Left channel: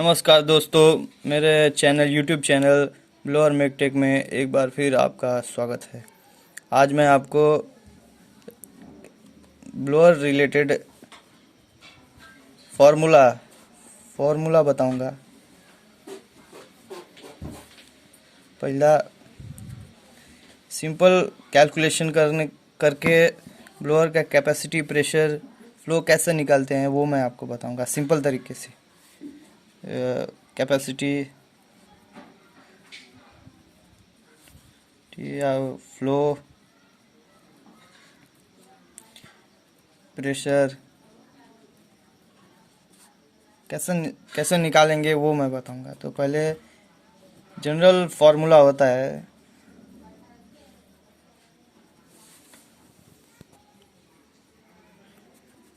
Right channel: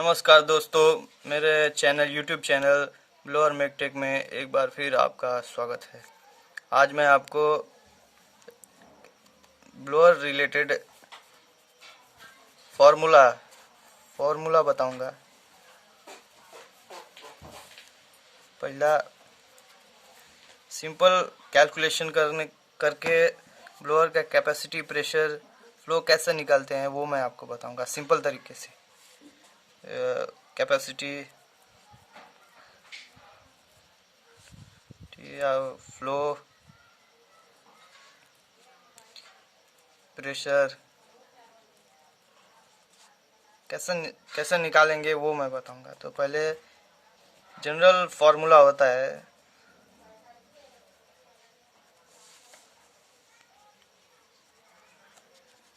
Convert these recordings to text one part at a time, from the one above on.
नमस्कार दोस्तों, मेरे यूट्यूब चैनल ब्लोअर मेकटेक में एक बार फिर आपका स्वागत है। आज मैं आपको ब्लोअर रिलेटेड फॉर्मूला फॉर्मूला बताऊंगा। पहला सिंपल कैलकुलेशन करके ब्लोअर का कैपेसिटी, प्रेशर, फ्लो कैसे निकालते हैं वो मैं आपको बताऊंगा सिंपल तरीके से। कैपेसिटी या फ्लो, प्रेशर कैसे निकालेंगे वो मैं बताऊंगा। तो पहले जनरल फार्मूला होता है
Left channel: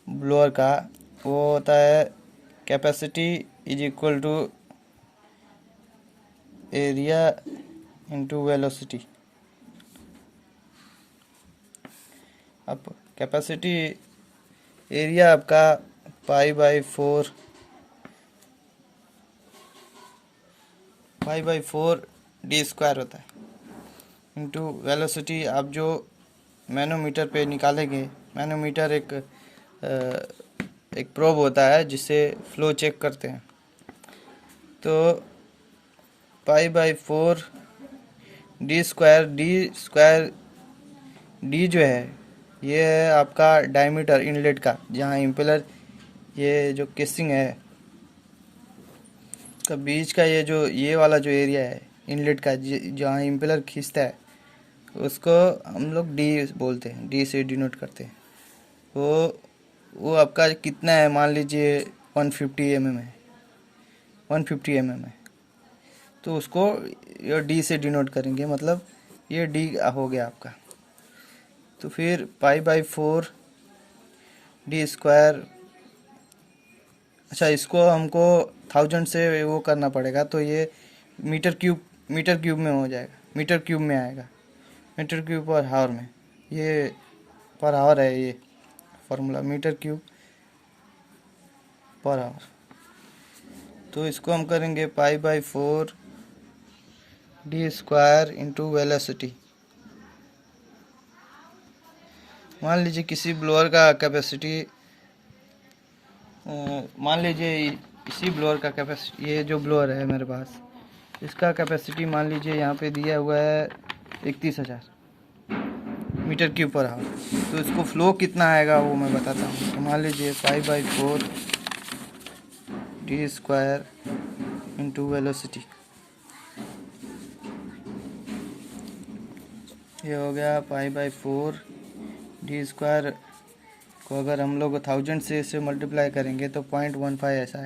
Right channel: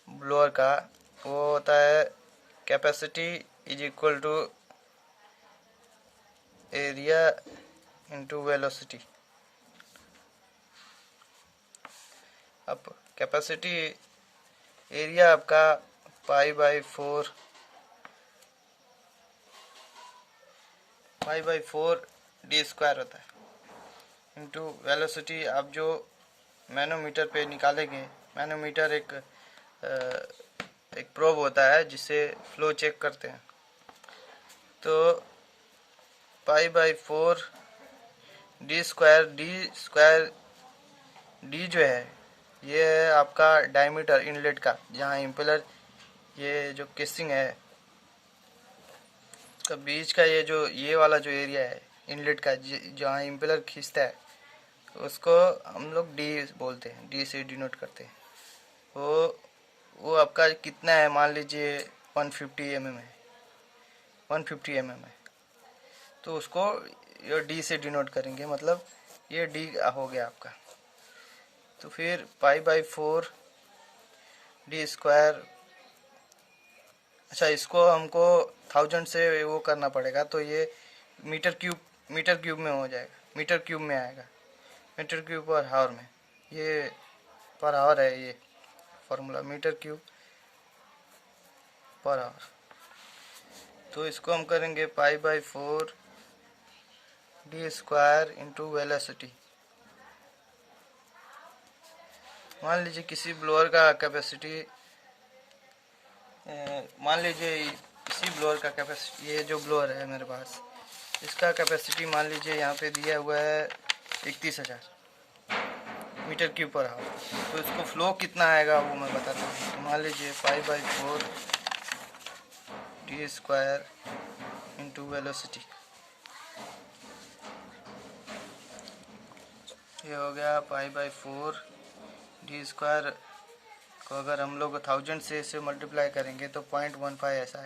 ब्लोअर का, वो होता है capacity is equal to area into velocity. अब कैपेसिटी एरिया आपका pi by four D square होता है, इंटू वेलोसिटी आप जो मैनोमीटर पे निकालेंगे। मैनोमीटर एक प्रोब होता है जिससे फ्लो चेक करते हैं। तो pi by 4 D square D जो है ये है आपका डायमीटर इनलेट का, जहाँ इम्पेलर ये जो केसिंग है का बीच का ये वाला जो एरिया है इनलेट का, जहाँ इम्पेलर खींचता है उसको हम लोग डी बोलते हैं, डी से डिनोट करते हैं। वो आपका कितना है, मान लीजिए 150 mm है, 150 mm है, तो उसको ये डी से डिनोट करेंगे, मतलब ये डी हो गया आपका। तो फिर पाई बाई 4 डी स्क्वायर, अच्छा इसको हमको 1000 से वो करना पड़ेगा, तो ये मीटर क्यूब में हो जाएगा, मीटर क्यूब में आएगा, मीटर क्यूब पर हावर में। ये पर हावर है ये फार्मूला, मीटर क्यूब पर हावर। तो इसको हम करेंगे pi by 4 D square into velocity. मान लीजिए किसी ब्लोअर का कैपेसिटी, मान लीजिए इसी ब्लोअर का कैपेसिटी, ये जो ब्लोअर है मेरे पास, इसका कैपेसिटी मान लीजिए यहाँ पे दिया हुआ है 31,000 मीटर क्यूब पर हावर। तो इसको फ्लो कितना आएगा वो मैं बताता हूँ। तो मान लीजिए pi by 4 D square into velocity, ये हो गया पाई बाई 4 डी स्क्वायर को अगर हम लोग 1000 से इसे मल्टीप्लाई करेंगे तो 0.15 ऐसा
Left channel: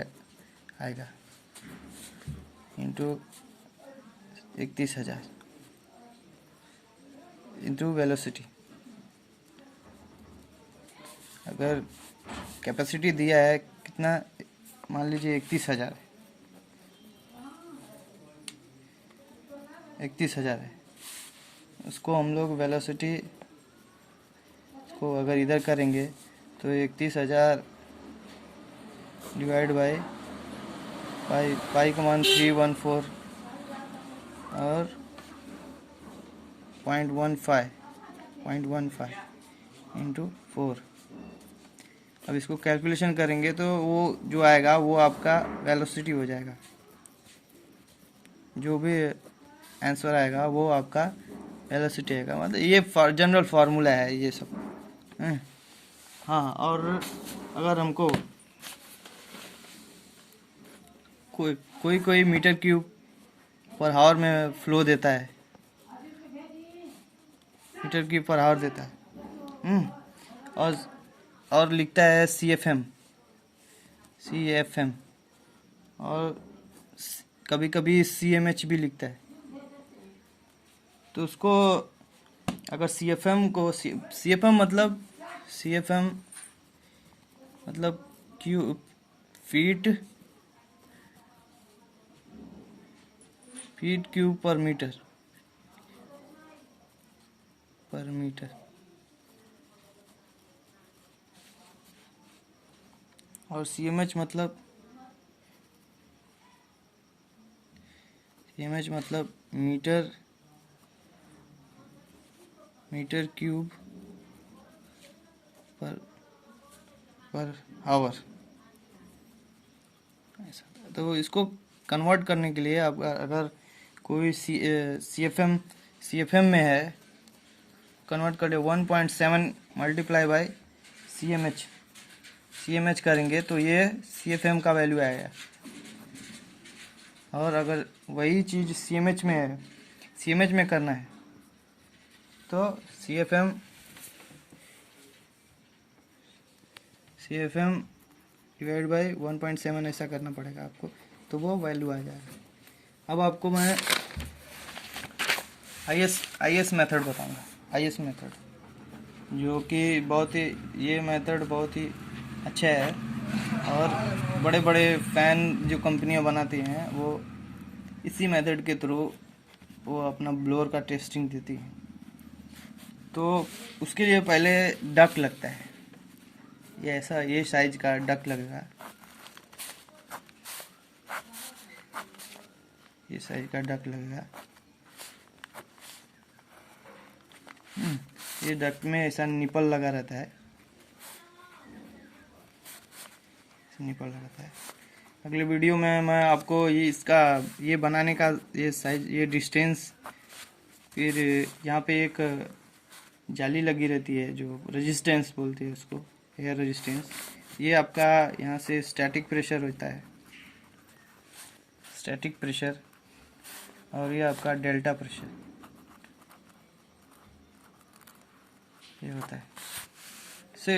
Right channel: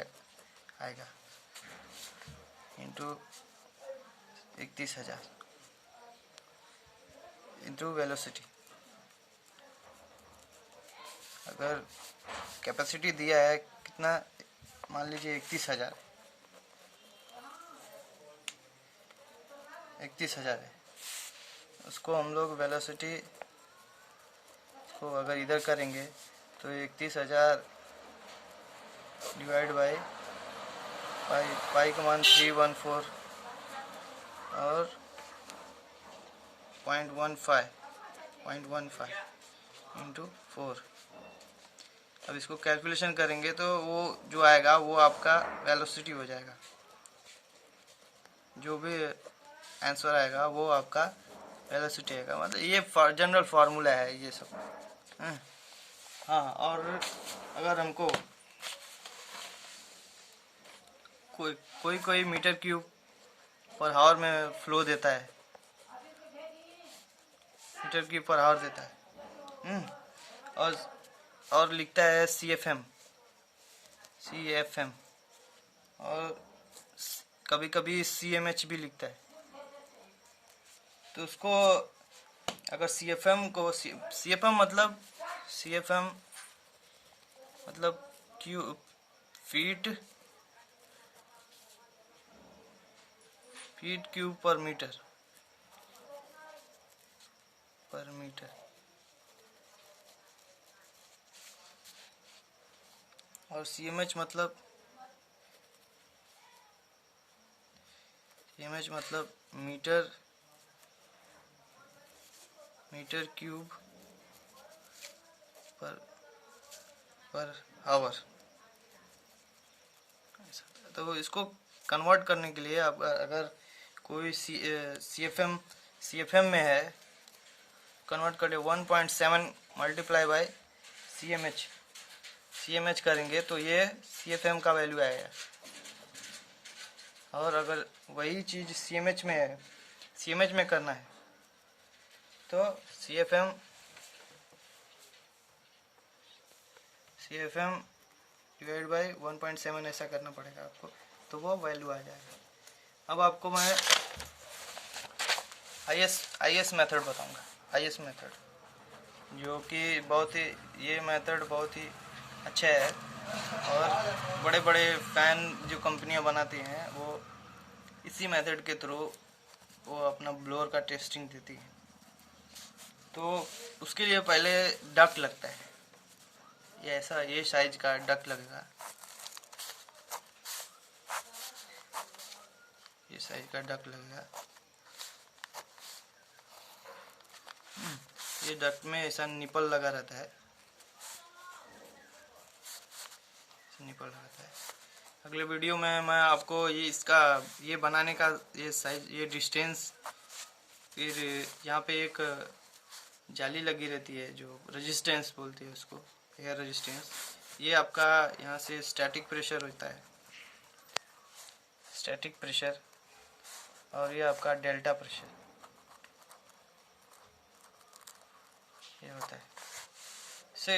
आएगा, इंटू 31,000 इंटू वेलोसिटी। अगर कैपेसिटी दिया है कितना, मान लीजिए 31,000 है, उसको हम लोग वेलोसिटी को अगर इधर करेंगे तो 31,000 डिवाइड बाई पाई का मान 314 और 0.15 इंटू 4। अब इसको कैलकुलेशन करेंगे तो वो जो आएगा वो आपका वेलोसिटी हो जाएगा, जो भी आंसर आएगा वो आपका वेलोसिटी आएगा। मतलब ये जनरल फार्मूला है ये सब। हाँ, और अगर हमको कोई मीटर क्यूब पर हावर में फ्लो देता है, मीटर क्यूब पर हावर देता है, और लिखता है सी एफ एम, और कभी कभी CMH भी लिखता है। तो उसको अगर सी एफ एम मतलब फीट क्यूब पर मीटर और CMH मतलब CMH मतलब मीटर क्यूब पर आवर। तो इसको कन्वर्ट करने के लिए आप अगर कोई सी एफ एम में है, कन्वर्ट कर 1.7 multiply by C M H करेंगे तो ये CFM का वैल्यू आएगा। और अगर वही चीज़ CMH में है, CMH में करना है तो CFM डिवाइड बाई 1.7 ऐसा करना पड़ेगा आपको, तो वो वैल्यू आ जाएगा। अब आपको मैं IS मेथड बताऊंगा। IS मेथड जो कि बहुत ही, ये मेथड बहुत ही अच्छा है और बड़े बड़े फ़ैन जो कंपनियां बनाती हैं वो इसी मेथड के थ्रू वो अपना ब्लोअर का टेस्टिंग देती हैं। तो उसके लिए पहले डक्ट लगता है, ये साइज का डक्ट लगेगा, ये साइज का डक्ट लगेगा। ये डक्ट में ऐसा निपल लगा रहता है, निपल लगा रहता है। अगले वीडियो में मैं आपको ये बनाने का ये साइज, ये डिस्टेंस, फिर यहाँ पे एक जाली लगी रहती है जो रेजिस्टेंस बोलते हैं उसको, एयर रेजिस्टेंस। ये आपका यहाँ से स्टैटिक प्रेशर होता है, स्टैटिक प्रेशर, और ये आपका डेल्टा प्रेशर ये होता है। इससे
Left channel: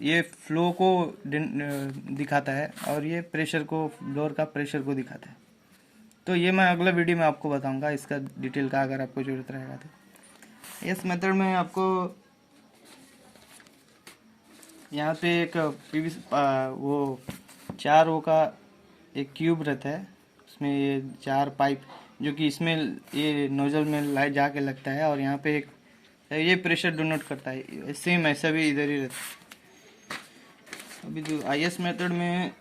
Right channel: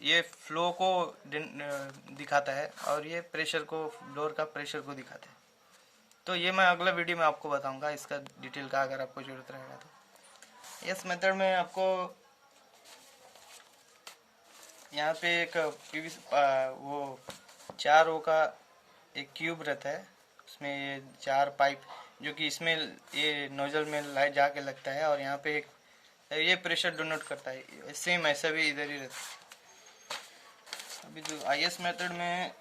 ये फ्लो को दिखाता है और ये प्रेशर को, ब्लोअर का प्रेशर को दिखाता है। तो ये मैं अगले वीडियो में आपको बताऊंगा इसका डिटेल का, अगर आपको ज़रूरत रहेगा तो। इस मेथड में आपको यहाँ पे एक वो 4 रो का एक क्यूब रहता है, उसमें ये 4 पाइप जो कि इसमें ये नोजल में लाइट जाके लगता है, और यहाँ पे एक ये प्रेशर डोनेट करता है। सेम ऐसा भी इधर ही रहता है। अभी तो IS मेथड में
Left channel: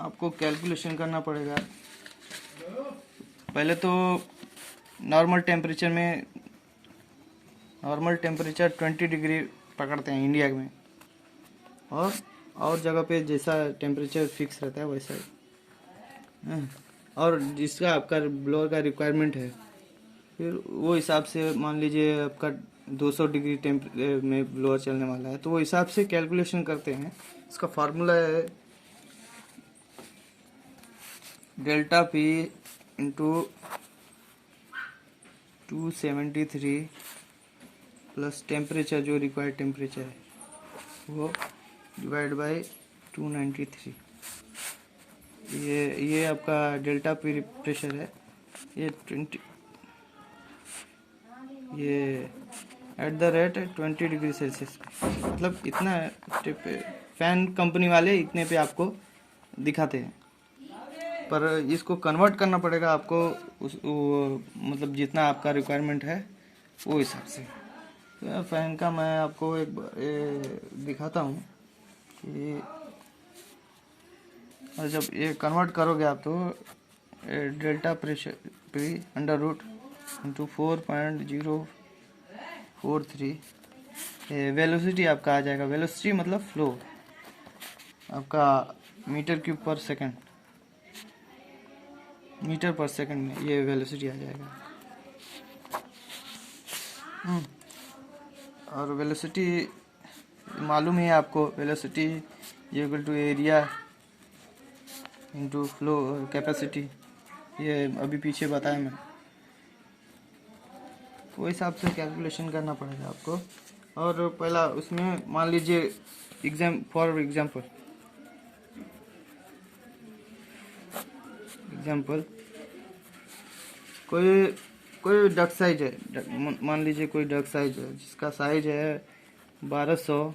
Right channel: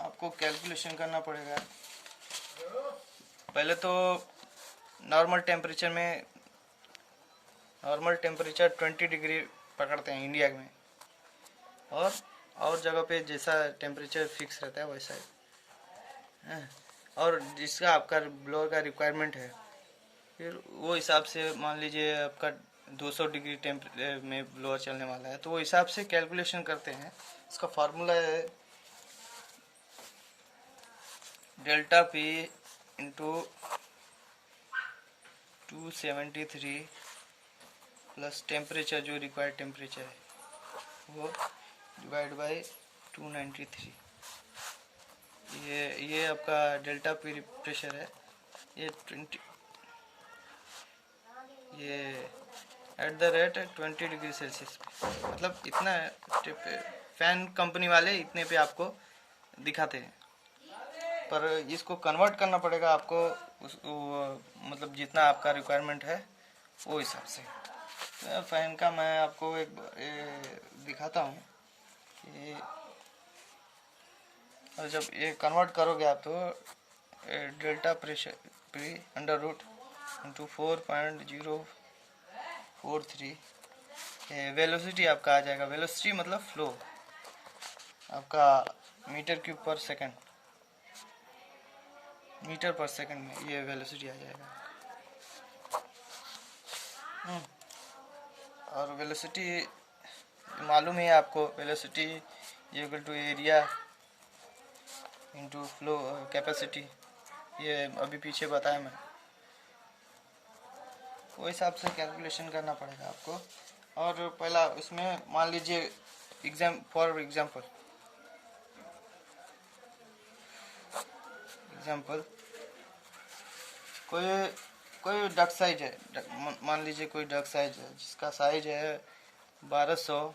आपको कैलकुलेशन करना पड़ेगा। पहले तो नॉर्मल टेम्परेचर 20 डिग्री पकड़ते हैं इंडिया में, और जगह पे जैसा टेम्परेचर फिक्स रहता है वैसा ही। और जिसका आपका ब्लोअर का रिक्वायरमेंट है, फिर वो हिसाब से मान लीजिए आपका 200 डिग्री में ब्लोअर चलने वाला है, तो वो हिसाब से कैलकुलेशन करते हैं। इसका फार्मूला है delta P into 273 plus temperature, जो रिक्वायर्ड टेम्परेचर है वो, डिवाइड बाय 293। ये आपका डेल्टा P प्रेशर है। ये @20 डिग्री सेल्सियस, मतलब इतना फैन कंपनी वाले इतने पे आपको दिखाते हैं, पर इसको कन्वर्ट करना पड़ेगा आपको मतलब जितना आपका रिक्वायरमेंट है वो हिसाब से। तो फैन का मैं आपको एक दिखाता हूँ कि और जब ये कन्वर्ट करोगे आप तो delta pressure P under root into 4.043 velocity आपका आ जाएगा। वेलोसिटी मतलब फ्लो आपका मीटर क्यूब पर सेकंड, मीटर पर सेकंड में ये वेलोसिटी आ जाएगा। और वेलोसिटी मालूम है आपको, velocity equal to area into flow capacity, ये अभी पीछे बताया मैं। वो हिसाब से कैलकुलेशन करना पड़ेगा आपको। और पहला उसमें मान लीजिए फॉर एग्जाम्पल कोई डक साइज है, मान लीजिए कोई डक साइज है जिसका साइज है 1200,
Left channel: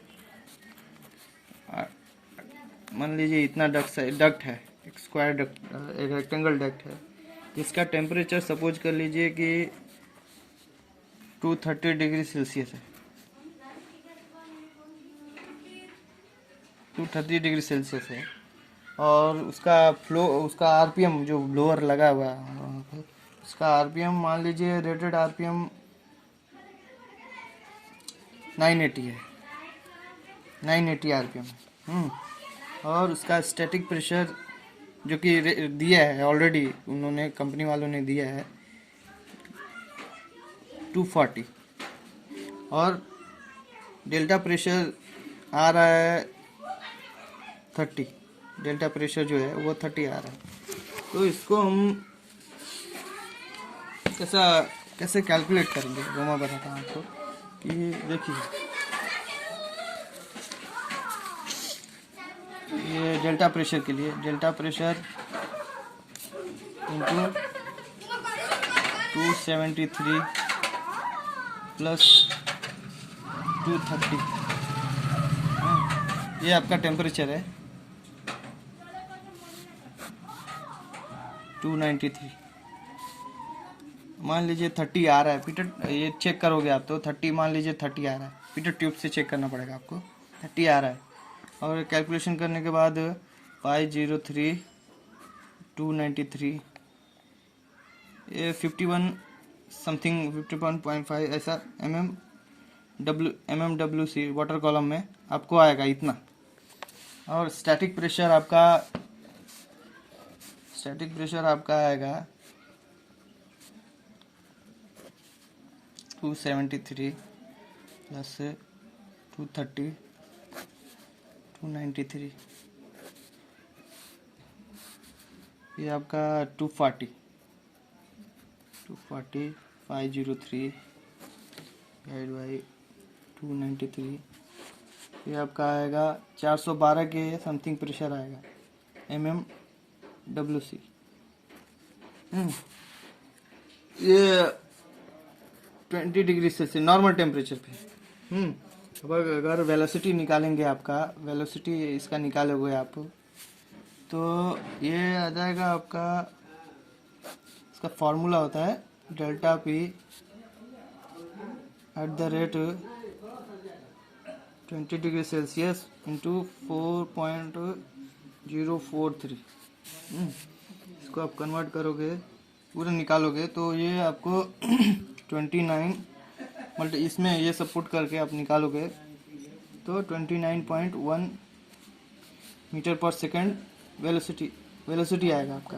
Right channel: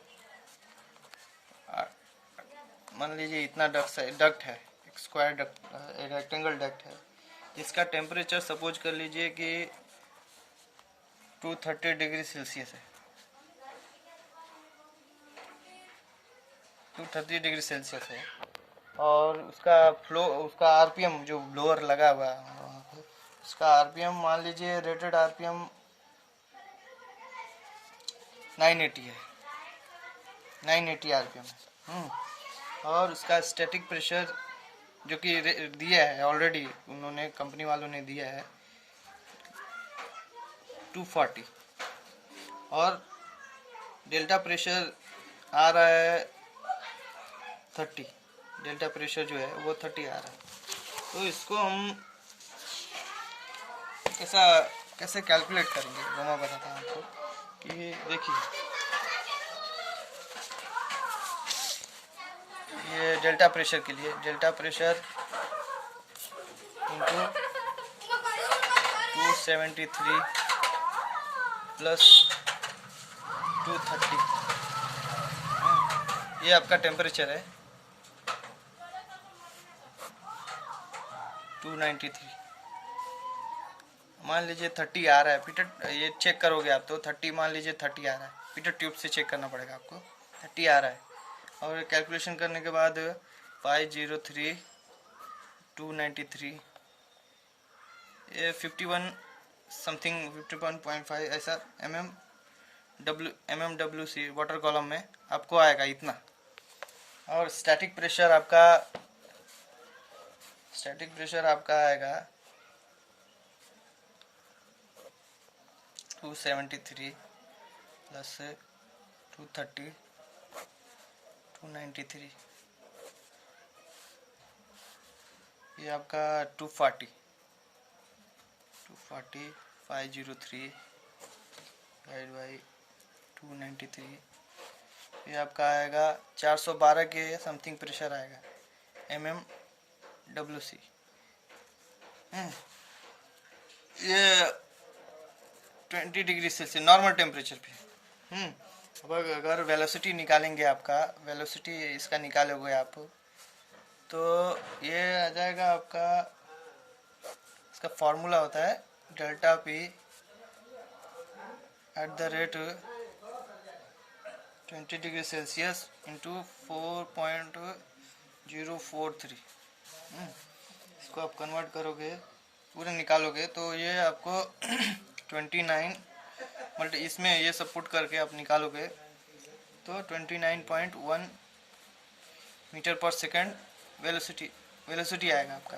मान लीजिए इतना डक्ट है, एक स्क्वायर डक्ट, एक रेक्टेंगल डक्ट है, जिसका टेम्परेचर सपोज कर लीजिए कि 230 डिग्री सेल्सियस है, 230 डिग्री सेल्सियस है। और उसका RPM जो ब्लोअर लगा हुआ है वहाँ पर इसका आरपीएम मान लीजिए रेटेड आरपीएम 980 है, 980 आरपीएम है। और उसका स्टैटिक प्रेशर जो कि दिया है ऑलरेडी, उन्होंने कंपनी वालों ने दिया है 240। और डेल्टा प्रेशर आ रहा है 30, डेल्टा प्रेशर जो है वो 30 आ रहा है। तो इसको हम कैसे कैलकुलेट करेंगे वो मैं बताता हूँ आपको। कि देखिए ये डेल्टा प्रेशर के लिए, डेल्टा प्रेशर इंटू 273 प्लस 230, ये आपका टेम्परेचर है 293। मान लीजिए 30 आ रहा है पीटर, ये चेक करोगे आप तो 30, मान लीजिए 30 आ रहा है, पीटर ट्यूब से चेक करना पड़ेगा आपको, 30 आ रहा है। और कैलकुलेशन करने के बाद 503 293 ये 51 समथिंग 51.5 ऐसा MMWC वाटर कॉलम में आपको आएगा इतना। और स्टैटिक प्रेशर आपका आएगा 273 प्लस 230 293, ये आपका 240 503 डिवाइड बाई 293, ये आपका आएगा 412 के समथिंग प्रेशर आएगा MMWC। ये 20 डिग्री सेल्सियस नॉर्मल टेम्परेचर पे। अब अगर वेलोसिटी निकालेंगे, आपका वेलोसिटी इसका निकालोगे आप, तो ये आ जाएगा आपका, इसका फॉर्मूला होता है delta P at the rate 20 degree Celsius into 4.043। इसको आप कन्वर्ट करोगे, पूरा निकालोगे तो ये आपको 29 इसमें ये सब पुट करके आप निकालोगे तो 29.1 मीटर पर सेकंड वेलोसिटी आएगा आपका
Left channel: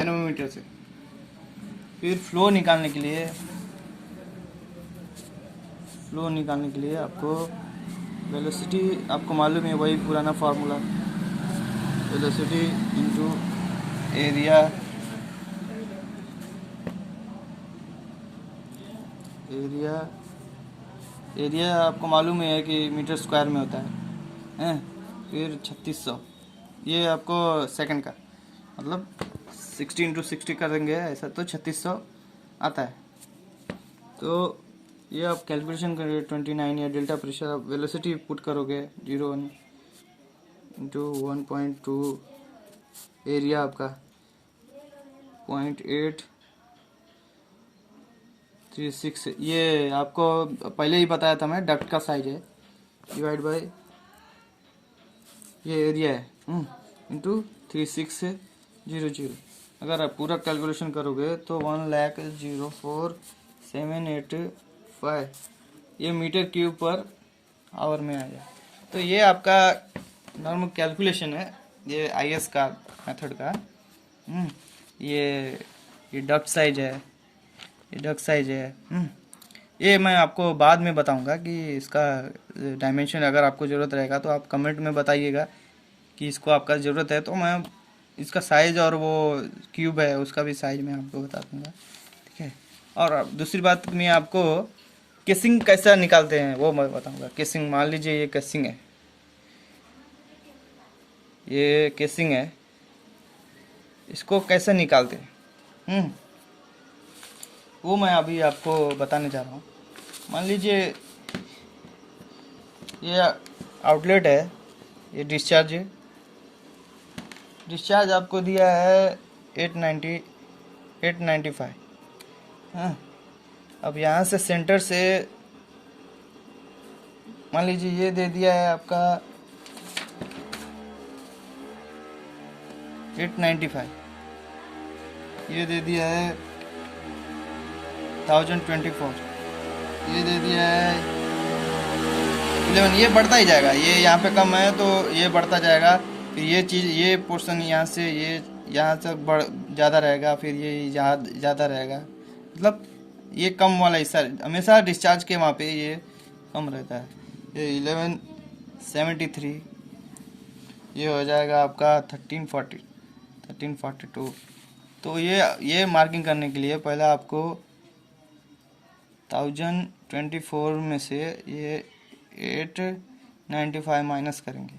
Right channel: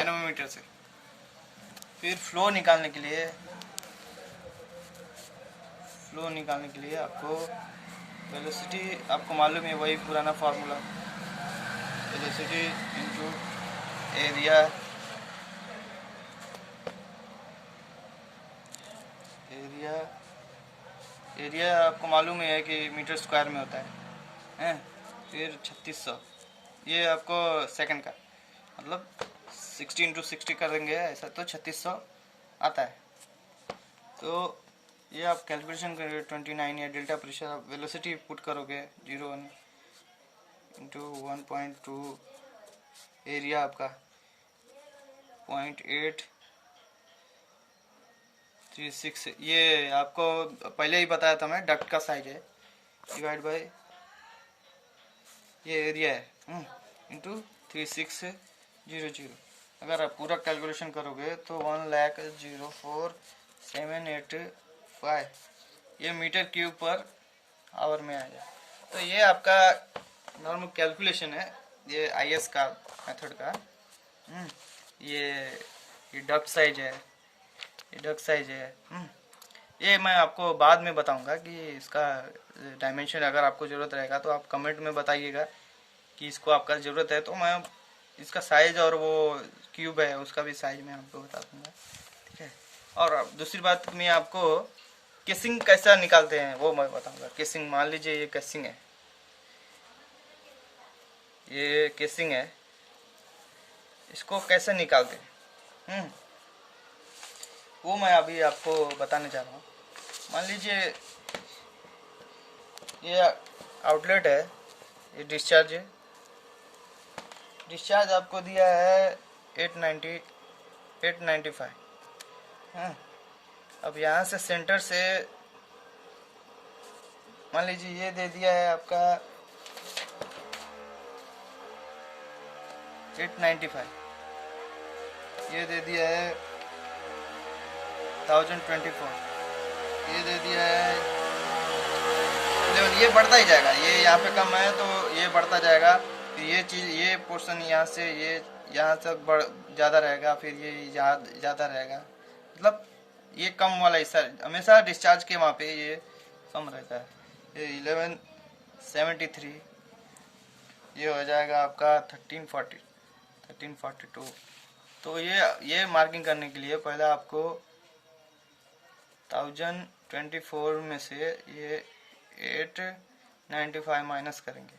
एनोमीटर से। फिर फ्लो निकालने के लिए आपको वेलोसिटी आपको मालूम है, वही पुराना फार्मूला, वेलोसिटी इंटू एरिया आपको मालूम है कि मीटर स्क्वायर में होता है। फिर 3600, ये आपको सेकंड का मतलब 60 इंटू 60 करेंगे ऐसा तो 3600 आता है। तो ये आप कैलकुलेशन करोगे 29 या डेल्टा प्रेशर, आप वेलोसिटी पुट करोगे 01 इंटू 1.2, एरिया आपका 0.836, ये आपको पहले ही बताया था मैं, डक्ट का साइज है, डिवाइड बाय ये एरिया है इंटू 3600। अगर आप पूरा कैलकुलेशन करोगे तो 1,04,785 ये मीटर क्यूब पर आवर में आ जाए। तो ये आपका नॉर्मल कैलकुलेशन है, ये IS का मेथड का। ये डक्ट साइज है, ये मैं आपको बाद में बताऊंगा कि इसका डायमेंशन अगर आपको ज़रूरत रहेगा तो आप कमेंट में बताइएगा कि इसको आपका ज़रूरत है, तो मैं इसका साइज़ और वो क्यूब है उसका भी साइज़ मैं आपको बता दूंगा, ठीक है। और दूसरी बात मैं आपको केसिंग कैसा निकालते हैं वो मैं बताऊंगा। केसिंग, मान लीजिए ये केसिंग है, इसको कैसे निकालते हैं वो मैं अभी आपको बताने जा रहा हूँ। मान लीजिए ये आउटलेट है, ये डिस्चार्ज आपको दिया है 895। अब यहाँ से सेंटर से मान लीजिए ये दे दिया है आपका 895, ये दे दिया है 1024, ये दे दिया है 11। ये बढ़ता ही जाएगा, ये यहाँ पे कम है तो ये बढ़ता जाएगा। फिर ये चीज़, ये पोर्शन यहाँ से ये यहाँ तक बढ़ ज़्यादा रहेगा, फिर ये यहाँ ज़्यादा रहेगा। मतलब ये कम वाला हिस्सा हमेशा डिस्चार्ज के वहाँ पे ये कम रहता है। ये 1173, ये हो जाएगा आपका 1342। तो ये मार्किंग करने के लिए पहले आपको 1024 में से ये 895 माइनस करेंगे,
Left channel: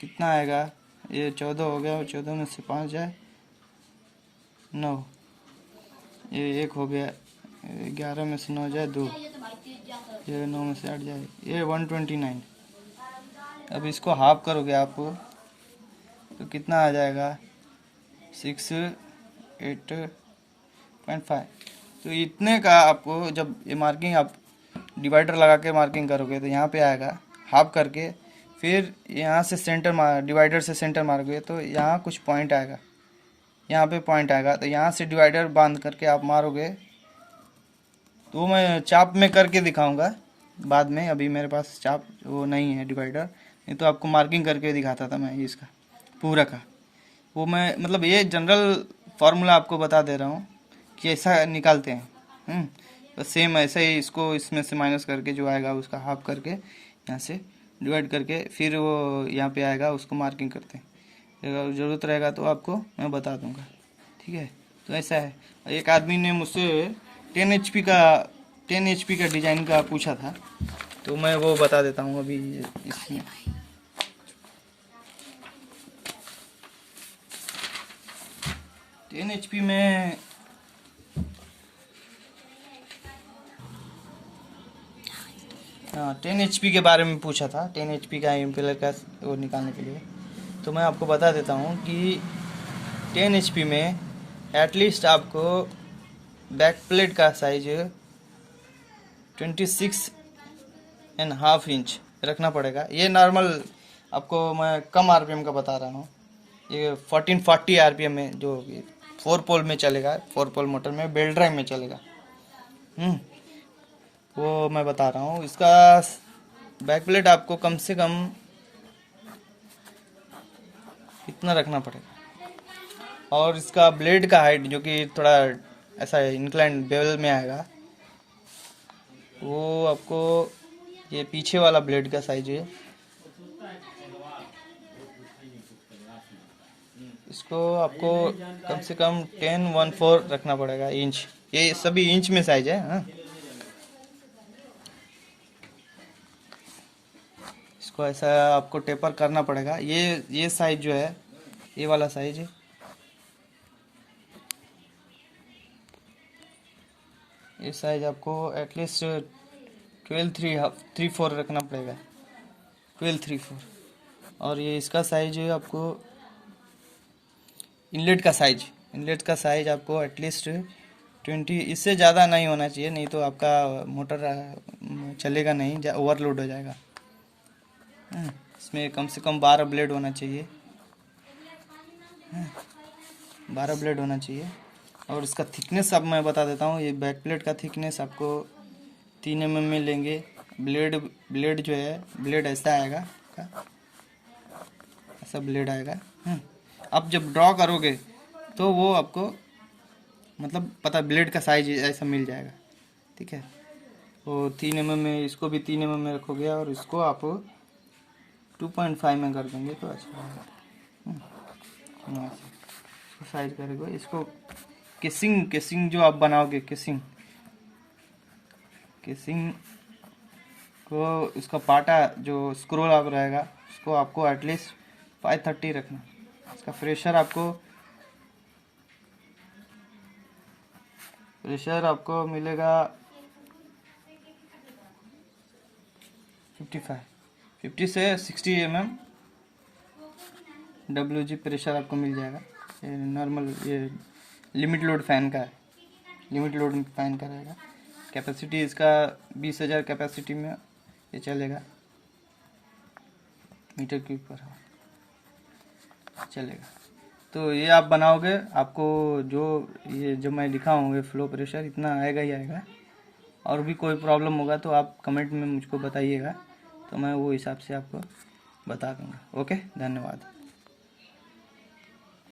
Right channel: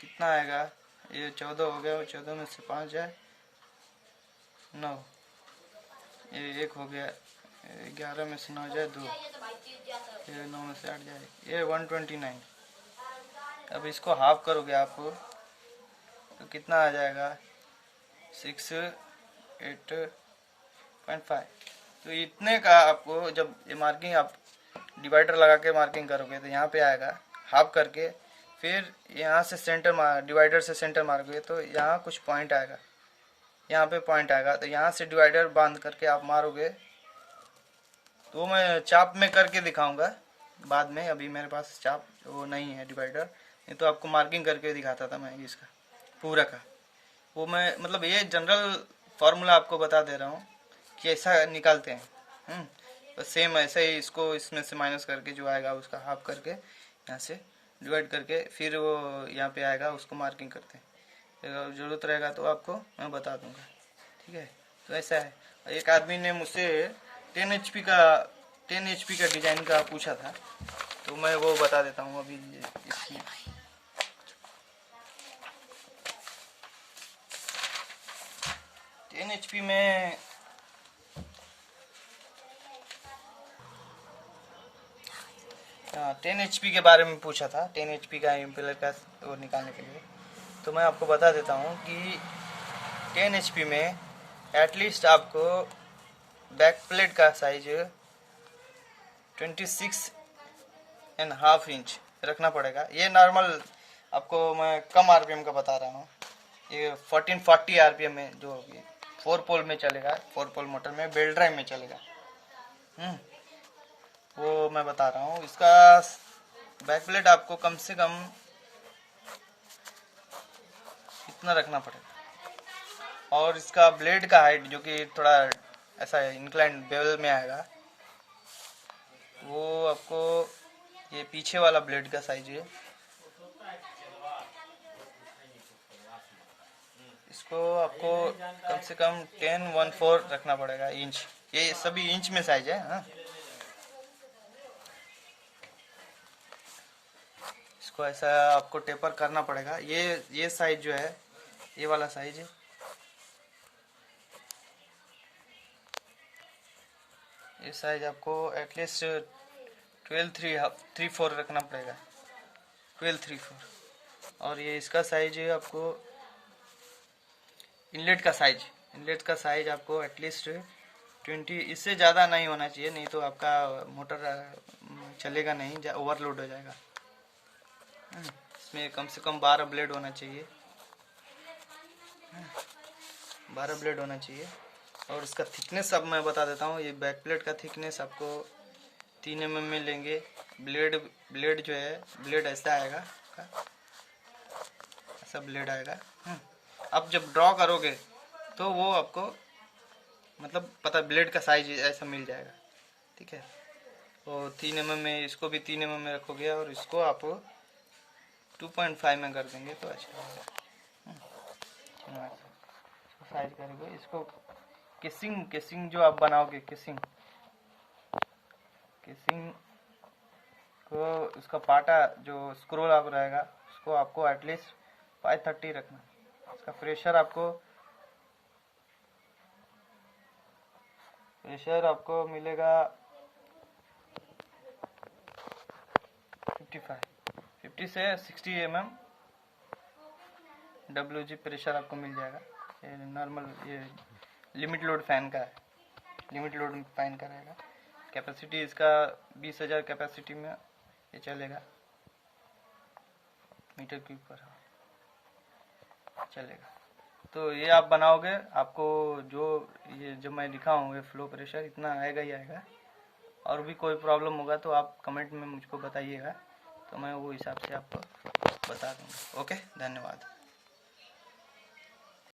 कितना आएगा? ये 14 हो गया, और 14 में से 5 जाए 9, ये 1 हो गया, 11 में से 9 जाए 2, ये 9 में से 8 जाए, ये 129। अब इसको हाफ करोगे आप तो कितना आ जाएगा? 685। तो इतने का आपको जब ये मार्किंग आप डिवाइडर लगा के मार्किंग करोगे तो यहाँ पे आएगा हाफ करके, फिर यहाँ से सेंटर मार, डिवाइडर से सेंटर मारोगे तो यहाँ कुछ पॉइंट आएगा, यहाँ पे पॉइंट आएगा, तो यहाँ से डिवाइडर बांध करके आप मारोगे। तो मैं चाप में करके दिखाऊंगा बाद में, अभी मेरे पास चाप वो नहीं है डिवाइडर, नहीं तो आपको मार्किंग करके दिखाता था मैं इसका पूरा का। वो मैं मतलब ये जनरल फार्मूला आपको बता दे रहा हूँ कि ऐसा निकालते हैं। तो सेम ऐसे ही इसको इसमें से माइनस करके जो आएगा उसका हाफ करके यहाँ से डिवाइड करके फिर वो यहाँ पे आएगा, उसको मार्किंग करते हैं। अगर ज़रूरत रहेगा तो आपको मैं बता दूंगा, ठीक है। तो ऐसा है। एक आदमी ने मुझसे 10 HP का डिज़ाइन का पूछा था, तो मैं वो बता देता हूँ अभी इसमें। HP में 10 HP के बारे में पूछा था, 10 HP का इम्पेलर का वो निकालने के लिए। तो मैं आपको बता देता हूँ कि 10 HP में एटलीस्ट आपको बैक प्लेट का साइज 26.5 इंच रखना पड़ेगा। ये नॉर्मल आपको मैं कम RPM का बता रहा हूँ। ये 1440 RPM में जो 4 पोल में चलेगा, 4 पोल मोटर में बेल्ट ड्राइव में चलेगा, वो मैं बता रहा हूँ। इसका बैक प्लेट आपको कम से कम इतना रखना पड़ेगा, और इसका ब्लेड का हाइट जो कि थोड़ा ऐसा इंक्लाइन बेवल में आएगा, वो आपको ये पीछे वाला ब्लेड का साइज है, इसको आपको कम से कम 1014 रखना पड़ेगा इंच। ये सभी इंच में साइज है। हाँ, इसको ऐसा आपको टेपर करना पड़ेगा। ये साइज जो है, ये वाला साइज है, ये साइज आपको एटलीस्ट 12.34 रखना पड़ेगा, 12.34। और ये इसका साइज है आपको इनलेट का साइज आपको एटलीस्ट 20, इससे ज़्यादा नहीं होना चाहिए, नहीं तो आपका मोटर चलेगा नहीं, ओवरलोड हो जाएगा। इसमें कम से कम 12 ब्लेड होना चाहिए, 12 ब्लेड होना चाहिए। और इसका थिकनेस अब मैं बता देता हूँ। ये बैक प्लेट का थिकनेस आपको 3 mm में लेंगे। ब्लेड जो है, ब्लेड ऐसा आएगा, ऐसा ब्लेड आएगा। अब जब ड्रॉ करोगे तो वो आपको मतलब पता ब्लेड का साइज ऐसा मिल जाएगा, ठीक है। तो 3 mm में, इसको भी 3 mm में रखोगे और इसको आप 2.5 में कर देंगे तो अच्छा रहेगा। साइज करेंगे इसको। केसिंग जो आप बनाओगे, केसिंग को इसका पाटा जो स्क्रोल आप रहेगा उसको आपको एटलीस्ट 530 रखना। इसका प्रेशर आपको मिलेगा 50 से 60 mm WG प्रेशर आपको मिल जाएगा। ये नॉर्मल, ये लिमिट लोड फैन का है, लिमिट लोड फैन का रहेगा। कैपेसिटी इसका 20,000 कैपेसिटी में ये चलेगा, मीटर क्यूब पर चलेगा। तो ये आप बनाओगे, आपको जो ये जो मैं लिखा हूँ ये फ्लो प्रेशर इतना आएगा ही आएगा। और भी कोई प्रॉब्लम होगा तो आप कमेंट में मुझको बताइएगा, तो मैं वो हिसाब से आपको बता दूँगा। ओके, धन्यवाद।